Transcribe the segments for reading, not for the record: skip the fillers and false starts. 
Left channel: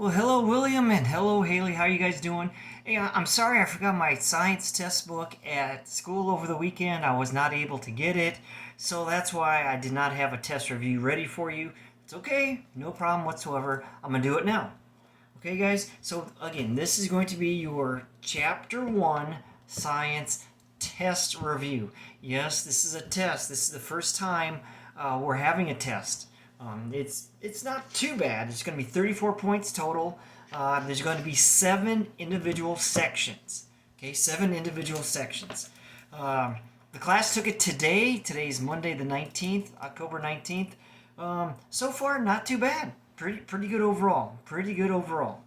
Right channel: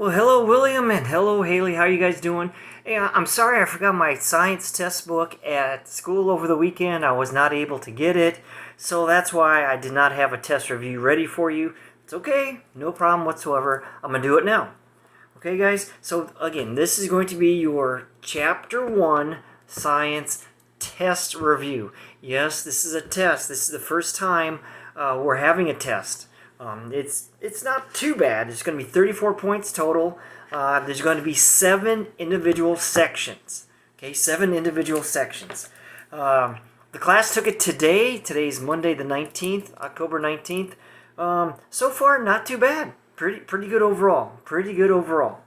Well, hello, William, and hello, Haley. How are you guys doing? Hey, I'm sorry I forgot my science test book at school over the weekend. I was not able to get it, so that's why I did not have a test review ready for you. It's okay, no problem whatsoever. I'm going to do it now. Okay, guys? So, again, this is going to be your Chapter 1 Science Test Review. Yes, this is a test. This is the first time we're having a test. It's not too bad. It's going to be 34 points total. There's going to be 7 individual sections. Okay, 7 individual sections. The class took it today. Today's Monday the 19th, October 19th. So far, not too bad. Pretty good overall. Pretty good overall.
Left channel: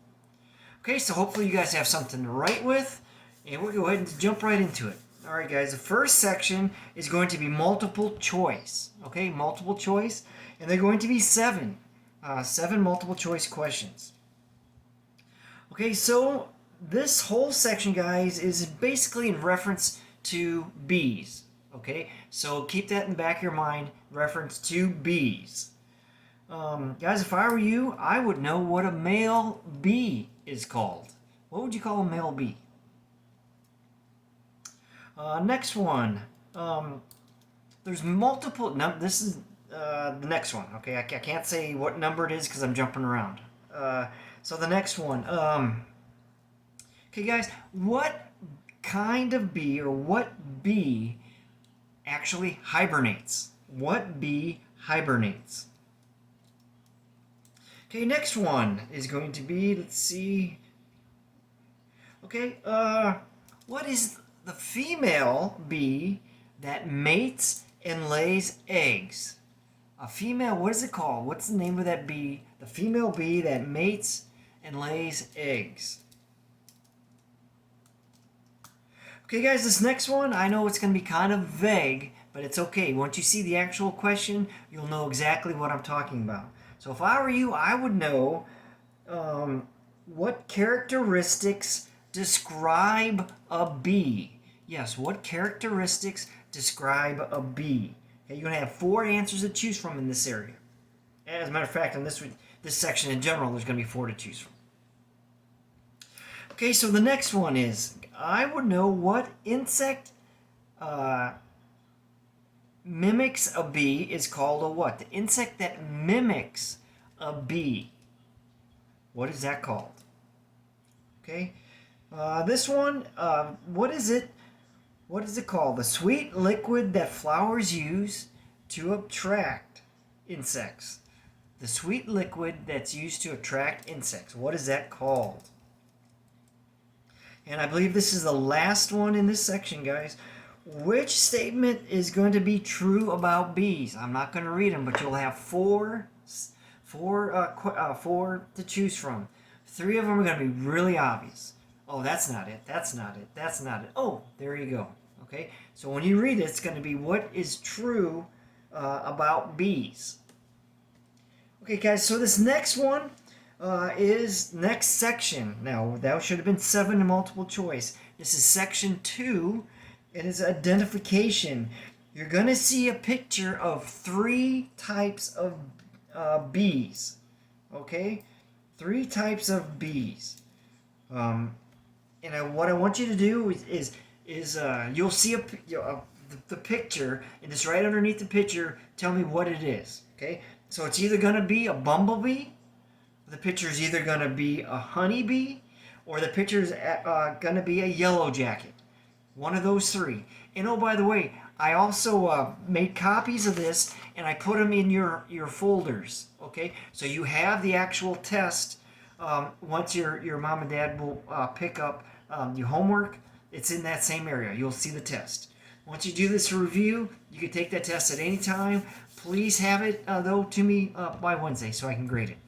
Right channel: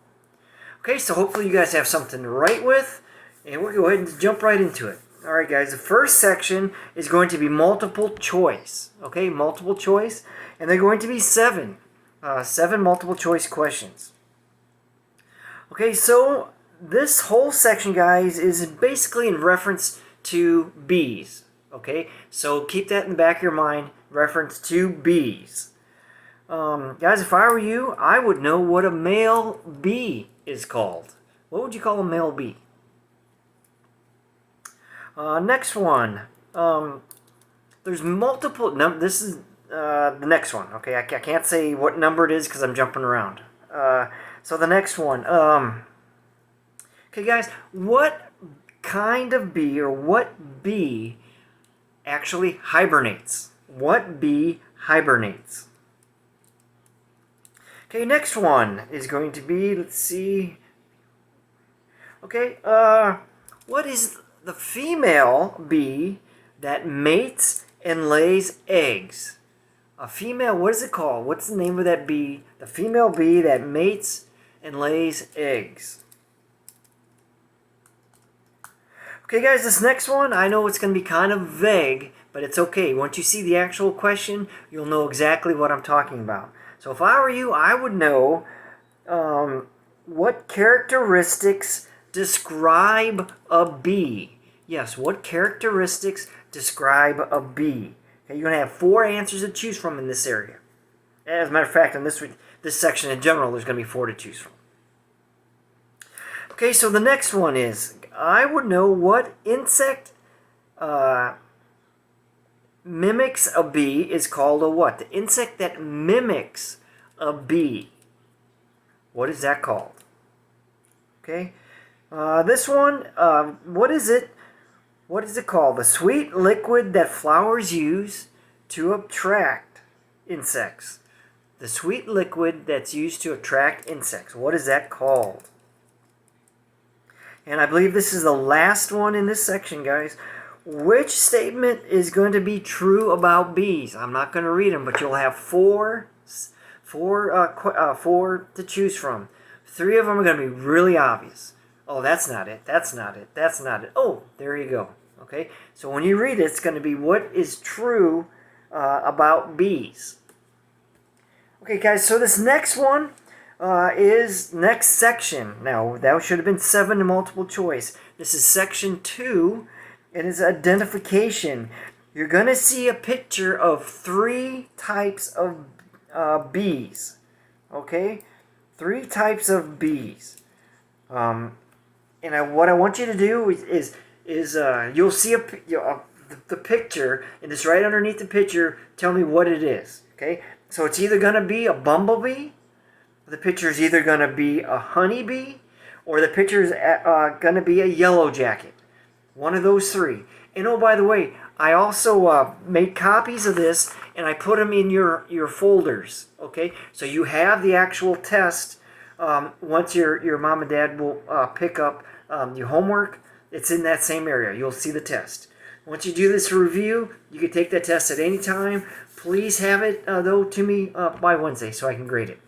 Okay, so hopefully you guys have something to write with, and we'll go ahead and jump right into it. All right, guys, the first section is going to be multiple choice. Okay, multiple choice, and they're going to be 7 multiple choice questions. Okay, so this whole section, guys, is basically in reference to bees. Okay, so keep that in the back of your mind, reference to bees. Guys, if I were you, I would know what a male bee is called. What would you call a male bee? Next one. There's multiple. This is the next one. Okay, I can't say what number it is because I'm jumping around. So the next one. Okay, guys, what kind of bee or what bee actually hibernates? What bee hibernates? Okay, next one is going to be, let's see. Okay, what is the female bee that mates and lays eggs? A female, what is it called? What's the name of that bee? The female bee that mates and lays eggs. Okay, guys, this next one, I know it's going to be kind of vague, but it's okay. Once you see the actual question, you'll know exactly what I'm talking about. So if I were you, I would know what characteristics describe a bee. Yes, what characteristics describe a bee? Okay, you're going to have 4 answers to choose from in this area. As a matter of fact, in this section in general, there's going to be 4 to choose from. Okay, so the next one is, I would know what insect mimics a bee is called a what? The insect that mimics a bee. What is that called? Okay. This one, what is it? What is it called? The sweet liquid that flowers use to attract insects. The sweet liquid that's used to attract insects. What is that called? And I believe this is the last one in this section, guys. Which statement is going to be true about bees? I'm not going to read them, but you'll have 4 to choose from. 3 of them are going to be really obvious. Oh, that's not it. That's not it. That's not it. Oh, there you go. Okay, so when you read it, it's going to be what is true about bees. Okay, guys, so this next one is next section. Now, that should have been 7 multiple choice. This is section 2. It is identification. You're going to see a picture of 3 types of bees. Okay? 3 types of bees. And what I want you to do is you'll see the picture, and it's right underneath the picture. Tell me what it is. Okay? So it's either going to be a bumblebee, the picture is either going to be a honeybee, or the picture is going to be a yellow jacket. One of those 3. And oh, by the way, I also made copies of this, and I put them in your folders. Okay? So you have the actual test. Once your mom and dad will pick up your homework, it's in that same area. You'll see the test. Once you do this review, you can take that test at any time. Please have it, though, to me by Wednesday so I can grade it.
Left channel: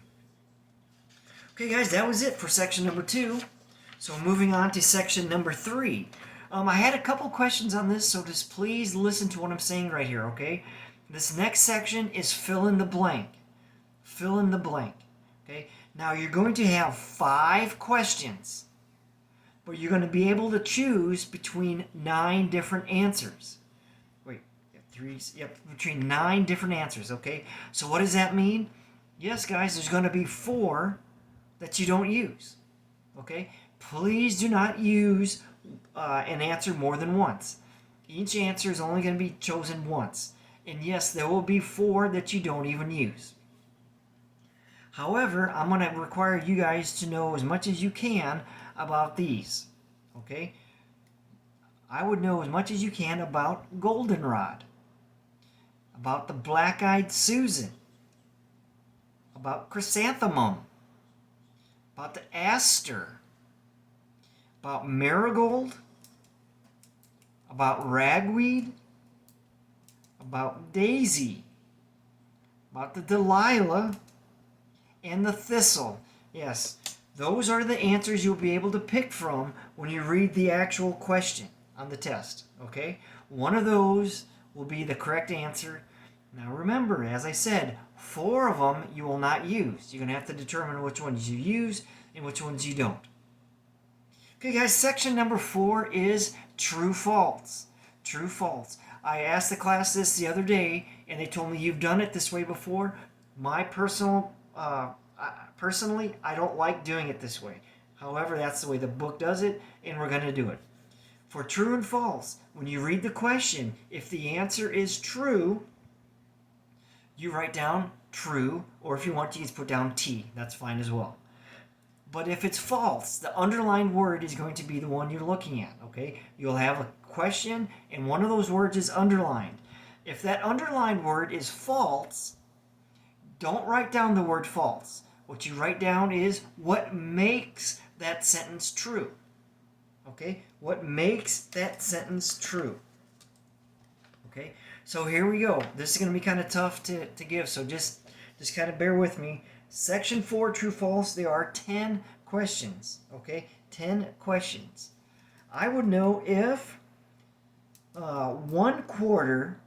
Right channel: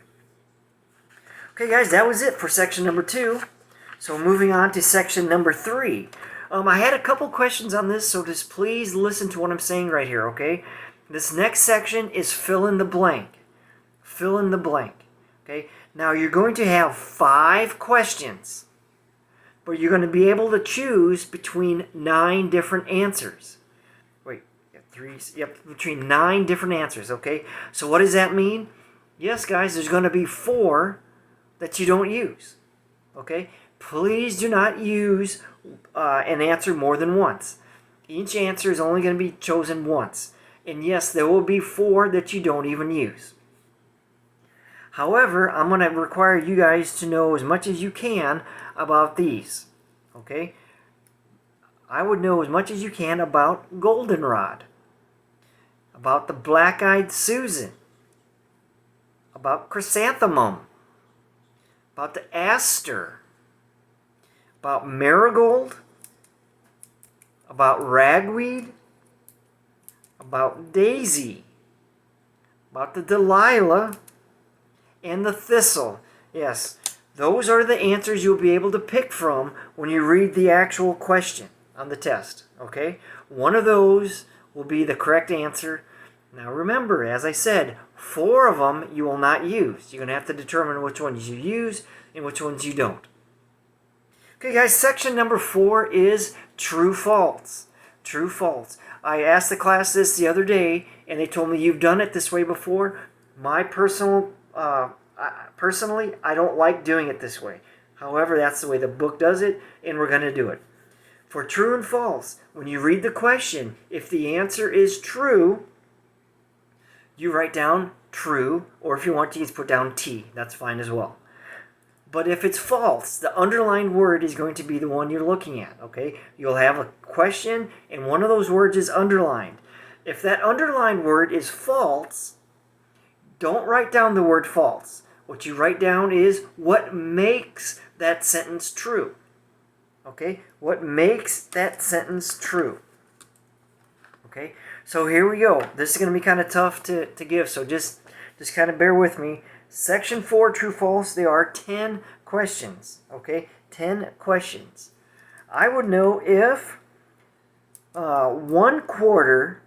Okay, guys, that was it for section number 2. So moving on to section number 3. I had a couple questions on this, so just please listen to what I'm saying right here, okay? This next section is fill in the blank. Fill in the blank, okay? Now, you're going to have 5 questions, but you're going to be able to choose between 9 different answers. Wait, 3, yep, between 9 different answers, okay? So what does that mean? Yes, guys, there's going to be 4 that you don't use. Okay? Please do not use an answer more than once. Each answer is only going to be chosen once. And yes, there will be 4 that you don't even use. However, I'm going to require you guys to know as much as you can about these. Okay? I would know as much as you can about goldenrod, about the black-eyed Susan, about chrysanthemum, about the aster, about marigold, about ragweed, about daisy, about the Delilah, and the thistle. Yes, those are the answers you'll be able to pick from when you read the actual question on the test. Okay? One of those will be the correct answer. Now remember, as I said, 4 of them you will not use. You're going to have to determine which ones you use and which ones you don't. Okay, guys, section number 4 is true false. True false. I asked the class this the other day, and they told me you've done it this way before. My personally, I don't like doing it this way. However, that's the way the book does it, and we're going to do it. For true and false, when you read the question, if the answer is true, you write down true, or if you want to, you put down T. That's fine as well. But if it's false, the underlined word is going to be the one you're looking at, okay? You'll have a question, and one of those words is underlined. If that underlined word is false, don't write down the word false. What you write down is what makes that sentence true, okay? What makes that sentence true, okay? So here we go. This is going to be kind of tough to give, so just kind of bear with me. Section 4, true, false, there are 10 questions, okay? 10 questions. I would know if 1/4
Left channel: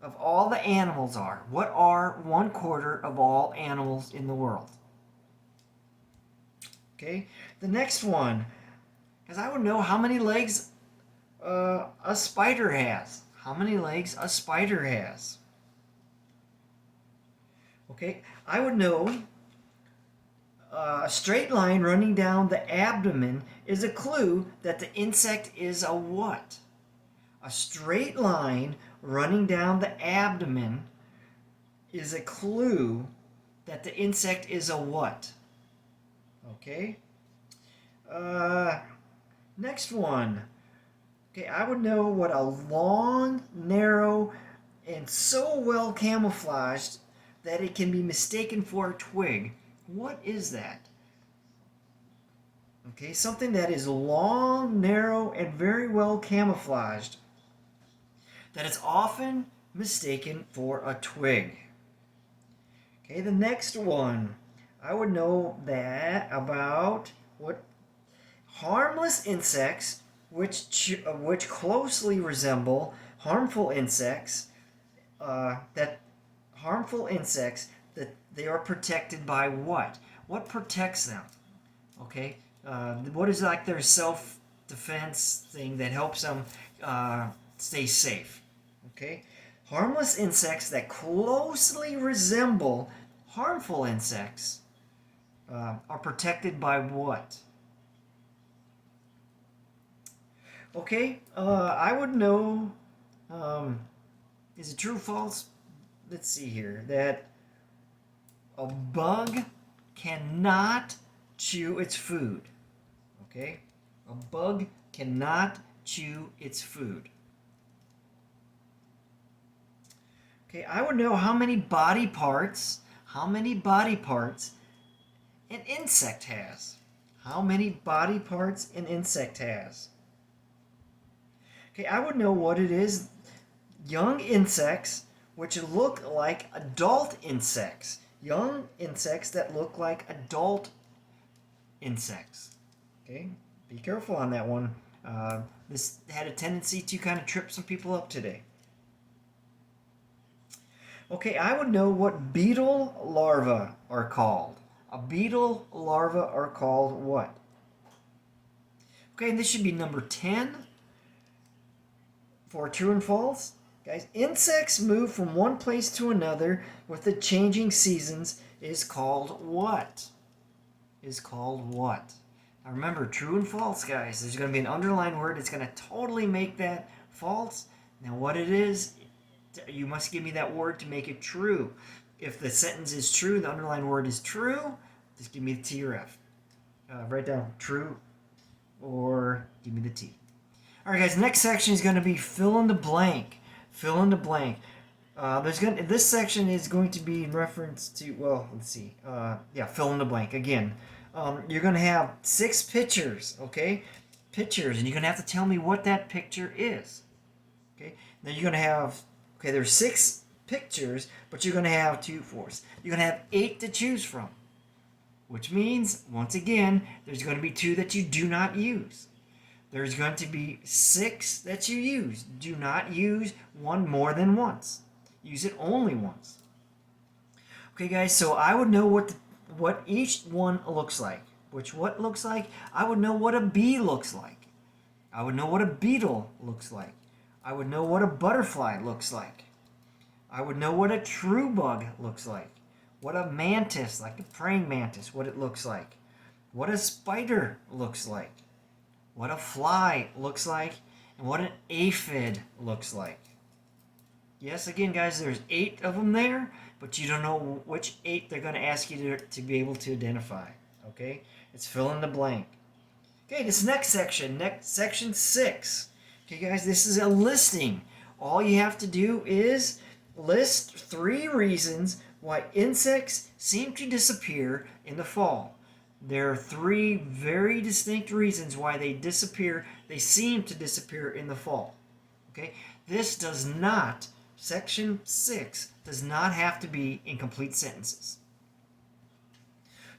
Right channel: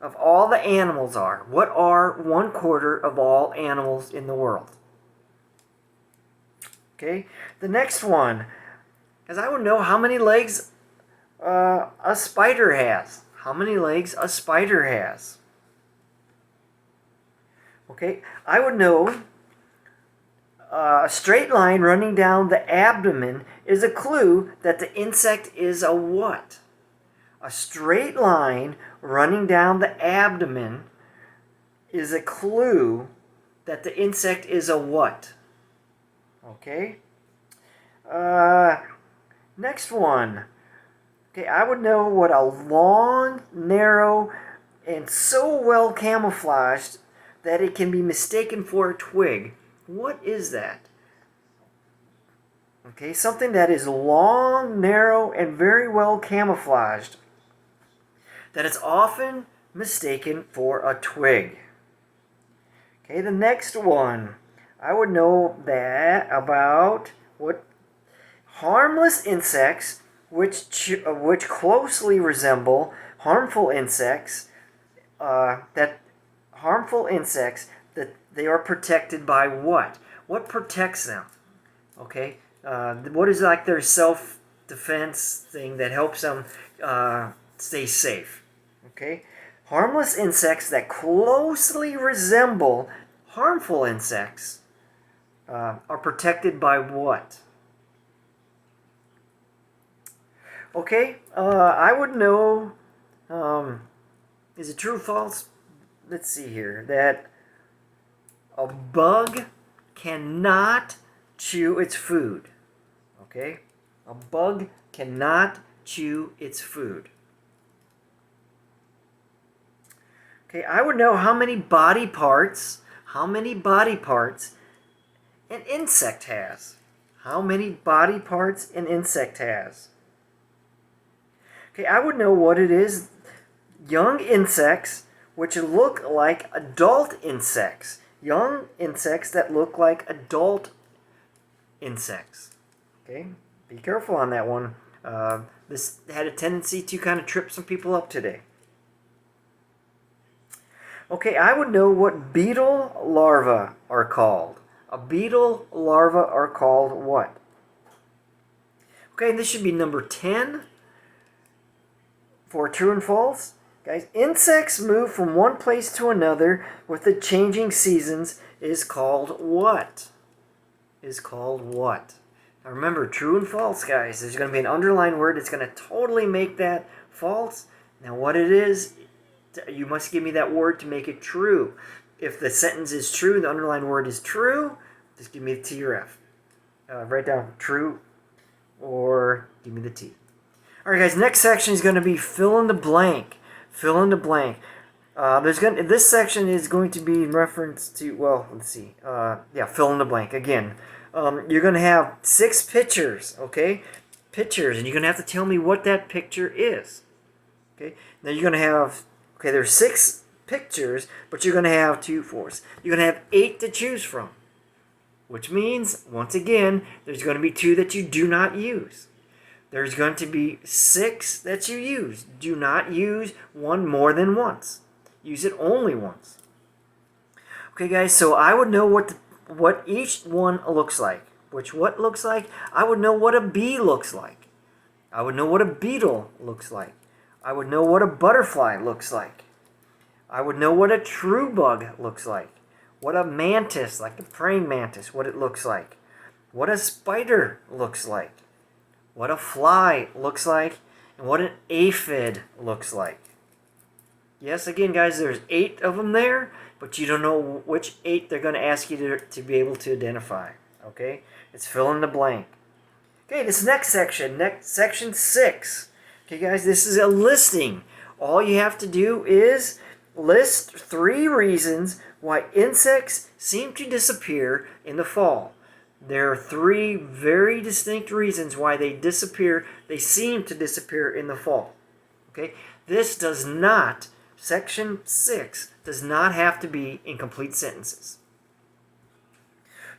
of all the animals are. What are 1/4 of all animals in the world? Okay? The next one is I would know how many legs a spider has. How many legs a spider has. Okay? I would know a straight line running down the abdomen is a clue that the insect is a what? A straight line running down the abdomen is a clue that the insect is a what? Okay. Next one. Okay, I would know what a long, narrow, and so well camouflaged that it can be mistaken for a twig. What is that? Okay, something that is long, narrow, and very well camouflaged, that it's often mistaken for a twig. Okay, the next one. I would know that about what harmless insects which closely resemble harmful insects, that they are protected by what? What protects them? Okay, what is like their self-defense thing that helps them stay safe? Okay, harmless insects that closely resemble harmful insects are protected by what? Okay, I would know, is it true or false? Let's see here, that a bug cannot chew its food. Okay, a bug cannot chew its food. Okay, I would know how many body parts an insect has. How many body parts an insect has. Okay, I would know what it is. Young insects which look like adult insects. Young insects that look like adult insects. Okay, be careful on that one. This had a tendency to kind of trip some people up today. Okay, I would know what beetle larvae are called. A beetle larva are called what? Okay, and this should be number 10 for true and false. Guys, insects move from one place to another with the changing seasons is called what? is called what? Now remember, true and false, guys. There's going to be an underlined word that's going to totally make that false. Now what it is, you must give me that word to make it true. If the sentence is true, the underlined word is true, just give me the T or F. Write down true or give me the T. All right, guys, next section is going to be fill in the blank. Fill in the blank. This section is going to be in reference to, well, let's see. Fill in the blank. Again, you're going to have 6 pictures, okay? Pictures, and you're going to have to tell me what that picture is. Okay? Now you're going to have, okay, there's 6 pictures, but you're going to have 2, 4. You're going to have 8 to choose from, which means, once again, there's going to be 2 that you do not use. There's going to be 6 that you use. Do not use one more than once. Use it only once. Okay, guys, so I would know what each one looks like. What looks like? I would know what a bee looks like. I would know what a beetle looks like. I would know what a butterfly looks like. I would know what a true bug looks like. What a mantis, like the praying mantis, what it looks like. What a spider looks like. What a fly looks like. And what an aphid looks like. Yes, again, guys, there's 8 of them there, but you don't know which 8 they're going to ask you to be able to identify. Okay? It's fill in the blank. Okay, this next section 6. Okay, guys, this is a listing. All you have to do is list 3 reasons why insects seem to disappear in the fall. There are 3 very distinct reasons why they seem to disappear in the fall. Okay? This does not, section 6, does not have to be in complete sentences.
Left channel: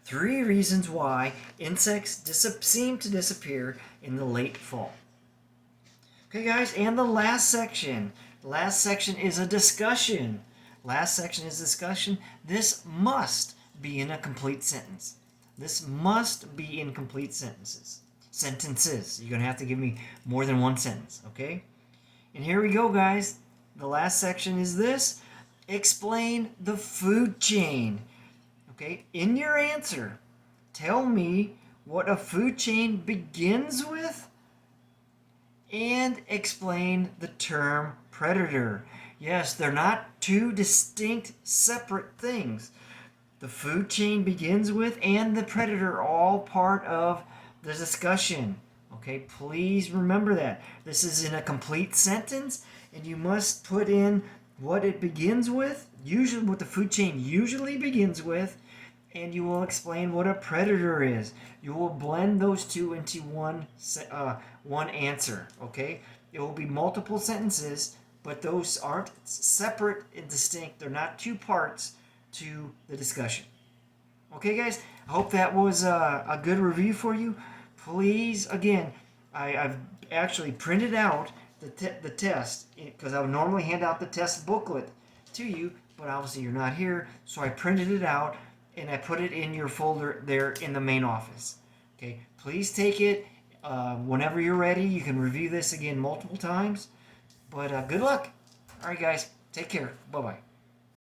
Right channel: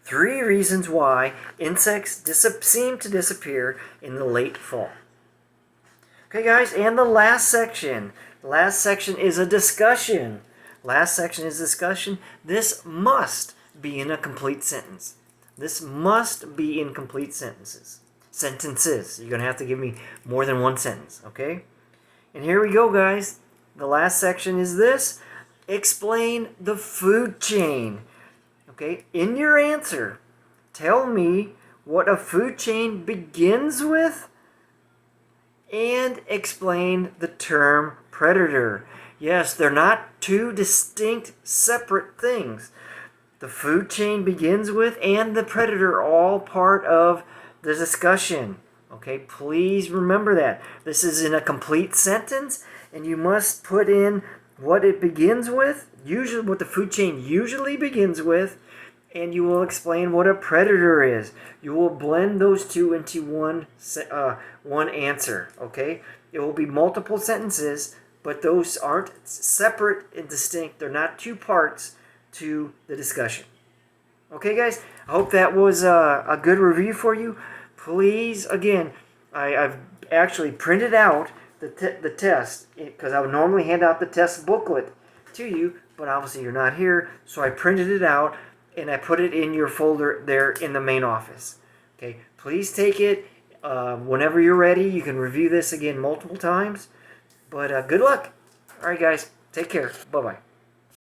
3 reasons why insects seem to disappear in the late fall. Okay, guys, and the last section. The last section is a discussion. This must be in a complete sentence. This must be in complete sentences. You're going to have to give me more than one sentence, okay? And here we go, guys. The last section is this. Explain the food chain. Okay? In your answer, tell me what a food chain begins with and explain the term predator. Yes, they're not 2 distinct, separate things. The food chain begins with and the predator are all part of the discussion. Okay, please remember that. This is in a complete sentence, and you must put in what it begins with, usually what the food chain usually begins with, and you will explain what a predator is. You will blend those 2 into one answer. Okay, it will be multiple sentences, but those aren't separate and distinct. They're not 2 parts to the discussion. Okay, guys, I hope that was a good review for you. Please, again, I've actually printed out the test, because I would normally hand out the test booklet to you, but obviously you're not here, so I printed it out and I put it in your folder there in the main office. Okay, please take it whenever you're ready. You can review this again multiple times, but good luck. All right, guys, take care. Bye-bye.